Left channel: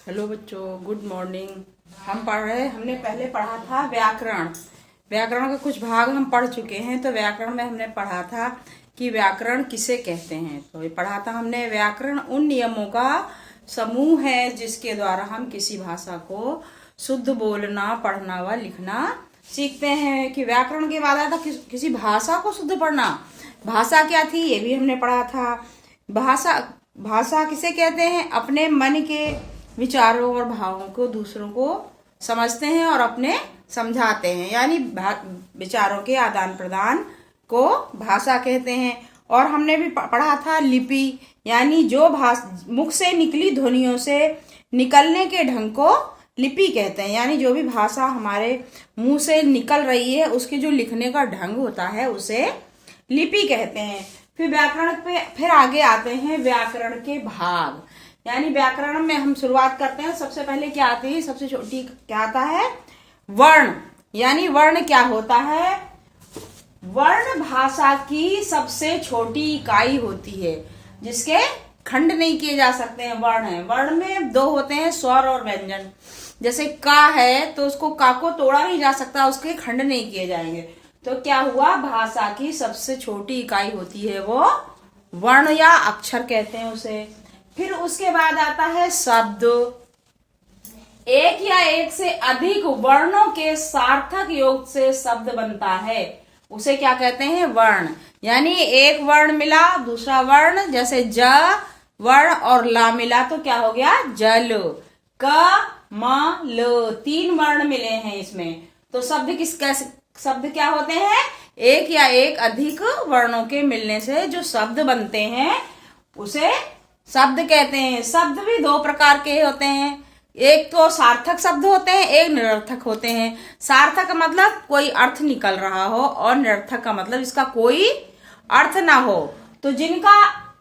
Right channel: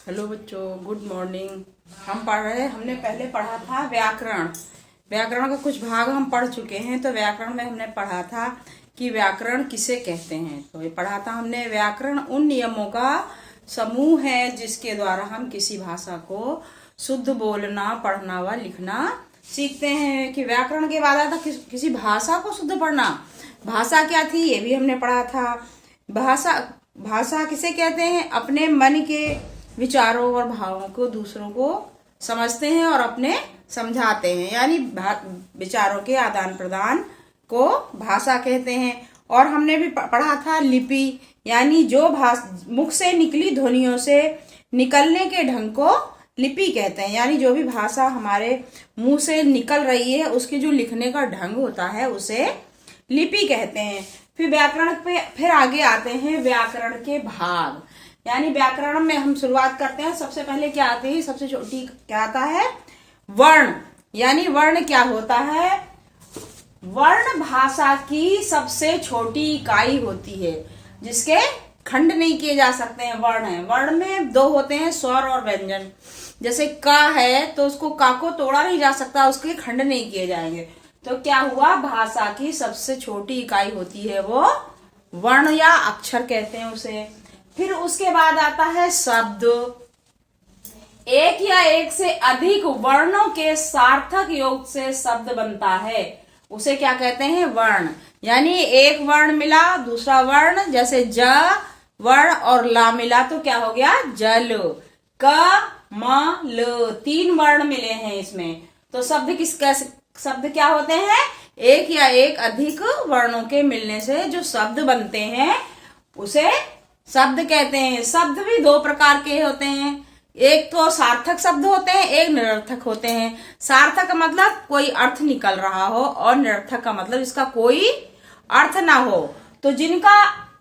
Hello बच्चों, good morning. हमने पहले पढ़ा था व्याकरण। व्याकरण का कुछ भाग हम पढ़ चुके हैं। तो व्याकरण में हमने पढ़ा था कि व्याकरण किसे कहते हैं। तो ये पढ़ा था हमने, व्याकरण उन नियमों का समूह है जिसके द्वारा हम किसी भाषा को शुद्ध बोलना, पढ़ना व लिखना सीखते हैं। कि व्याकरण के बाद आता किसी भाषा को शुद्ध पढ़ना। भाषा क्या थी ये भी हमने पढ़ा था। भाषा किसे कहते हैं? अपने मन के विचारों और भावों को दूसरों को समझते हैं और अपने समझाते हैं, यानी विचारों के आदान प्रदान को भाषा कहते हैं। और हमने भी पढ़ा था लिपि, यानी जो मुख से निकली ध्वनियों से निकलने के ढंग को लिपि कहते हैं। यानी जो भी भाषा हमारे मुंह से निकल रही है उसकी जो लिखने का ढंग होता है उसे लिपि कहते हैं। फिर व्याकरण पे फिर आगे आते हैं व्याकरण के भाग। यानी व्याकरण में हम शुरुआत करते हैं। सबसे पहले क्या आती है? सबसे छोटी क्या आता है? वर्ण। यानी वर्ण क्या होता है? वर्ण भाषा की सबसे छोटी इकाई होती है जिसके खंड नहीं किए जा सकते हैं। वर्ण है। वर्ण में दो होते हैं, स्वर और व्यंजन। जैसे का है तो उसको का को तोड़ा नहीं जा सकता, उसके खंड नहीं किए जाएंगे। तो क्या हुआ? भाषा की सबसे छोटी इकाई होती है वो वर्ण या अक्षर कहते हैं उसे। फिर उसके बाद आता है शब्द। एक या एक से अधिक वर्णों के सार्थक योग से शब्द बनता है, उसे क्या कहते हैं? वर्ण। यानी एक वर्ण मिला, दूसरा वर्ण, जैसे ज वर्ण और ला मिला तो क्या हो गया? जल। क म ल, तीन वर्ण मिले हैं इसमें। तो शब्द क्या होते हैं? एक या एक अधिक वर्णों के मिलने से जो शब्द बनते हैं उसे शब्द कहते हैं। शब्द भी दो प्रकार के होते हैं। एक तो सार्थक शब्द होते हैं, एक निरर्थक होते हैं। सार्थक का मतलब कोई अर्थ निकल रहा हो और निरर्थक का मतलब इसका कोई अर्थ ना हो। तो जिनका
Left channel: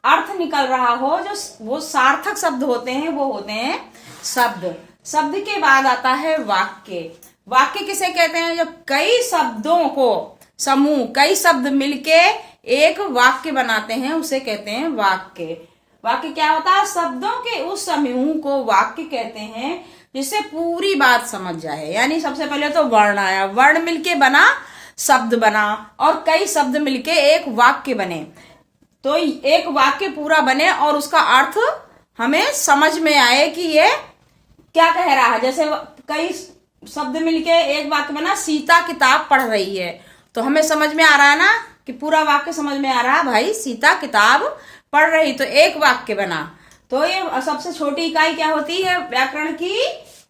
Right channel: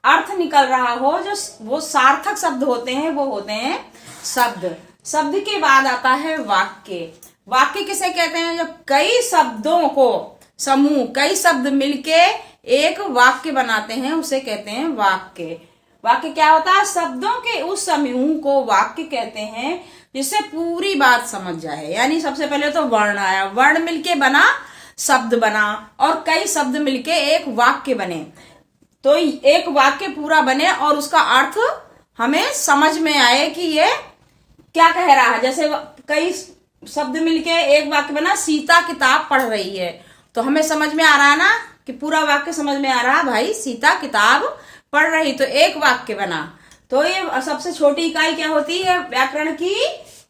अर्थ निकल रहा हो, जो वो सार्थक शब्द होते हैं, वो होते हैं शब्द। शब्द के बाद आता है वाक्य। वाक्य किसे कहते हैं? जब कई शब्दों को समूह, कई शब्द मिलके एक वाक्य बनाते हैं उसे कहते हैं वाक्य। वाक्य क्या होता है? शब्दों के उस समूह को वाक्य कहते हैं जिससे पूरी बात समझ जाए। यानी सबसे पहले तो वर्ण आया, वर्ण मिलके बना शब्द बना, और कई शब्द मिलके एक वाक्य बने। तो एक वाक्य पूरा बने और उसका अर्थ हमें समझ में आए कि ये क्या कह रहा है। जैसे कई शब्द मिलके एक वाक्य बना, सीता किताब पढ़ रही है, तो हमें समझ में आ रहा है ना कि पूरा वाक्य समझ में आ रहा, भाई सीता किताब पढ़ रही, तो एक वाक्य बना। तो ये सबसे छोटी इकाई क्या होती है व्याकरण की?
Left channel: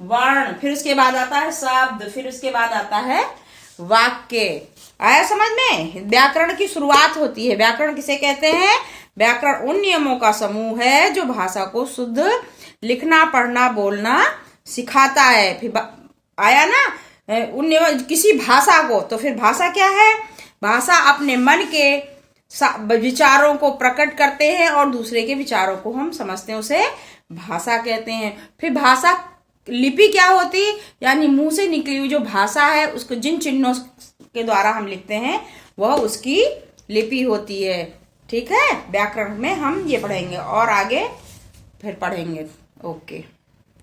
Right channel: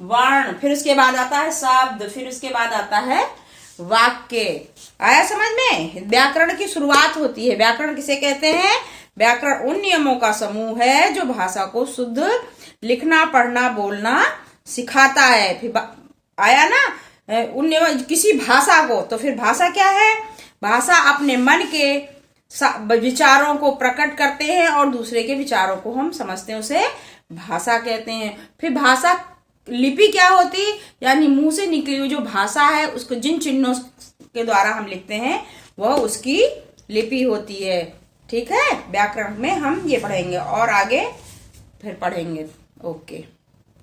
वर्ण। फिर उसके बाद आता है शब्द, फिर उसके बाद आता है वाक्य। आया समझ में? व्याकरण की शुरुआत होती है। व्याकरण किसे कहते हैं? व्याकरण उन नियमों का समूह है जो भाषा को शुद्ध लिखना, पढ़ना, बोलना सिखाता है। फिर आया ना उन नियम किसी भाषा को। तो फिर भाषा क्या है? भाषा अपने मन के विचारों को प्रकट करते हैं और दूसरे के विचारों को हम समझते हैं, उसे भाषा कहते हैं। फिर भाषा लिपि क्या होती? यानी मुंह से निकली हुई जो भाषा है उसको जिन चिन्हों के द्वारा हम लिखते हैं वह उसकी लिपि होती है। ठीक है, व्याकरण में हम ये पढ़ेंगे और आगे फिर पढ़ेंगे। ओके।